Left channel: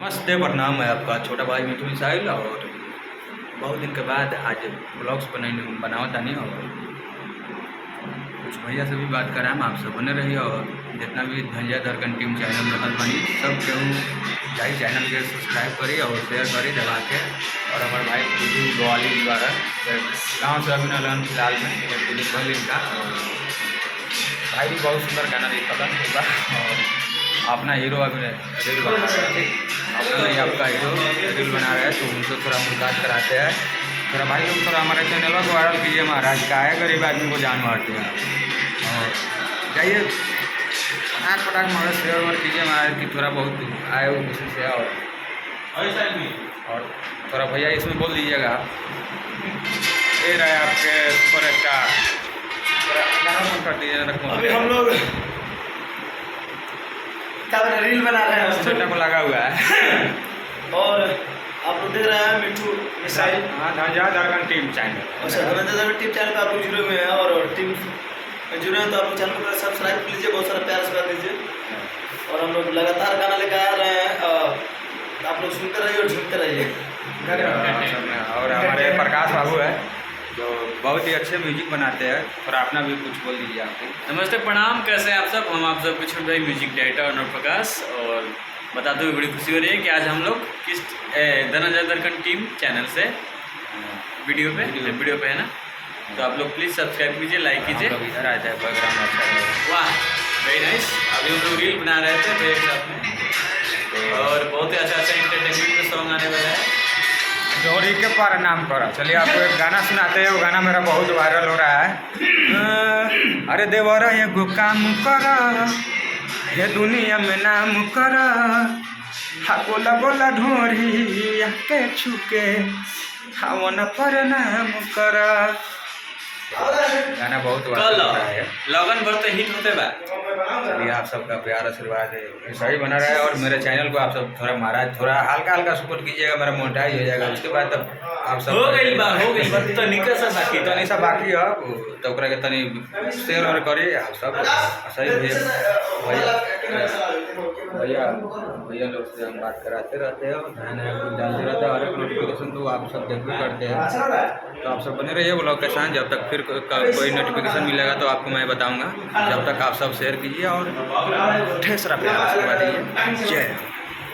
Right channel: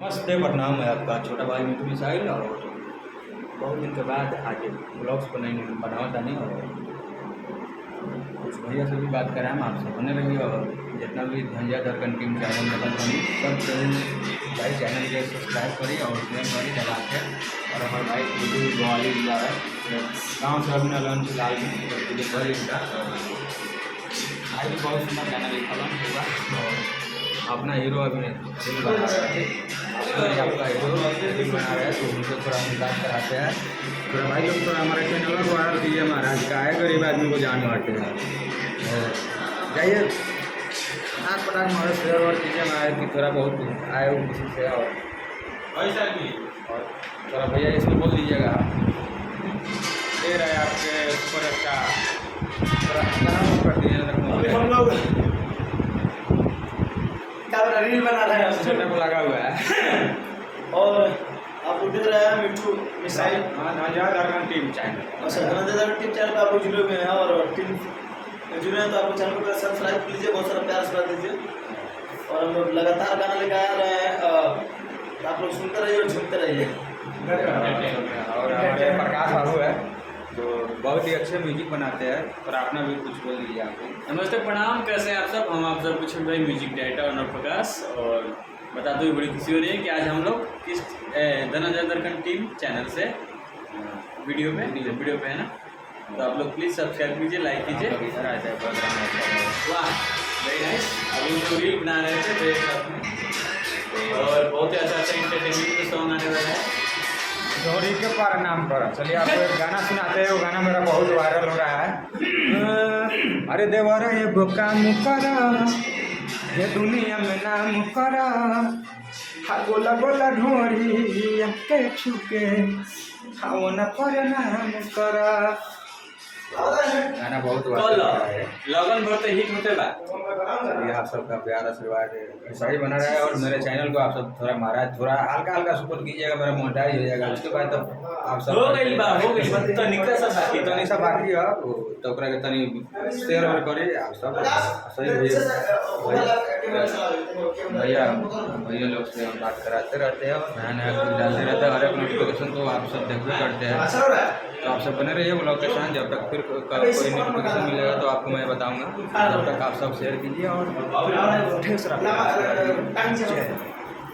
नमस्ते, प्रणाम। है आपका छोटा भाई मिठू मिसाइल और बहुत दिन के बाद आज ब्लॉग्स बनावत तानी और कुछ भैया से भी बात कराएम। आप सब बने रही और जितना भी धंजिया दरकन टीम चैनल देखत बनी सब केहू जाई चैनल के सब्सक्राइब करी और शेयर करी दबा के। और हमारे भाई खुदू ग्वाली द्वारा गाँव से अभी नलन फिलहाल में दिलीप भल इनका भाई भी बहुत सुंदर गाना लिखल और अपना हीरो अभी रील बना रहे हैं। ठीक, अपना नहीं आपका हीरो रील बना रहे हैं तो उनसे थोड़ा मुलाकात कराते हैं। थोड़ा भाई लोग थोड़ा हमारे चैनल को वायरल कीजिए। महाराज का है गरीब आदमी को जान मारते हैं और जाइए पटाख पटाख मारे शेयर और कीजिए महाराज की थोड़ा बहुत आए हो खुशी से। और थोड़ा भैया इसमें बोल दीजिएगा ये रहे आपके सुपर स्टार थोड़ा गाना कर दीजिए। हम लोग क्या बना रील बना रहे हैं छोटा को लगा हुआ है और आप लोग देख रहे हैं मिठू मिसाइल। हाँ, धंजिया दरकन टीम चैनल। अच्छा, धनंजय टीम चैनल पे आप लोग जुड़े हुए हैं और टीम में जुड़े हैं तो आप लोग चैनल को सब्सक्राइब कर लीजिए, बहुत सारा प्यार से कर दीजिए। और हम लोग लगातार गाना लेकर आ रहे हैं, आप लोग सुनते रहिए और झूमते रहिए। और हमारे प्रकाश बाबू है तो बहुत ही अच्छे म्यूजिक बनाते हैं। और अपना भी कुछ बोल दीजिए आप। नमस्ते, प्रणाम। कैसे हैं आप सब? हम आप सबके छोटे भाई म्यूजिक डायरेक्टर अनूप प्रकाश और बताते हुए बड़ी खुशी हो रही है कि आज हम लोग किस धनंजय दरकन टीम चैनल से वीडियो पे है ना, तो आप लोग प्लीज़ सब्सक्राइब कीजिए, लाइक कीजिए। इधर आ जाए बैकग्राउंड अच्छा है। वाह, वेरी नाइस। अभी हम लोग रील बना रहे थे एक साथ में और बहुत ही अच्छा इंटरटेनमेंट का सॉन्ग आने वाला है। जोड़ी के प्रणाम करो। चलिए आपको एक गाना सुनाते हैं। वो गाना मेरा बहुत वायरल हो रहा है। अरे देवर एगो काम कर ये दुनिया में नाम कर हा गोला गोला ढोरी के छुके हा वो न प्रणाम कर। गाना बहुत वायरल हो रहा है, लगन भर तो हिट होते बा। चलिए आप सबका प्यार आशीर्वाद ऐसा ही बना रहा है। और मेरे चैनल को आप सब थोड़ा महाराज थोड़ा हल्का हल्का सपोर्ट कीजिएगा, मेरा मोनेटाइज हो जाएगा। उसके बाद तब आप सब हो गई बा तो निकल सा बाकी तनी सा बाकी है तो ओकरा के तनी शेयर और करी आप सब सही भैया भैया लोग से हम बात कराते रहते हैं और नया नया कुछ डालते रहते हैं। और एक नोटिफिकेशन तो आप सब देखते करते हैं तो आप सब बने रहिए ब्लॉग के साथ। जब तक फिर कोई नोटिफिकेशन मिलेगा तो आपको मैं बताऊंगा। जब तक आप सब शेयर कीजिए और ढेर सारा प्यार आशीर्वाद दीजिए। जय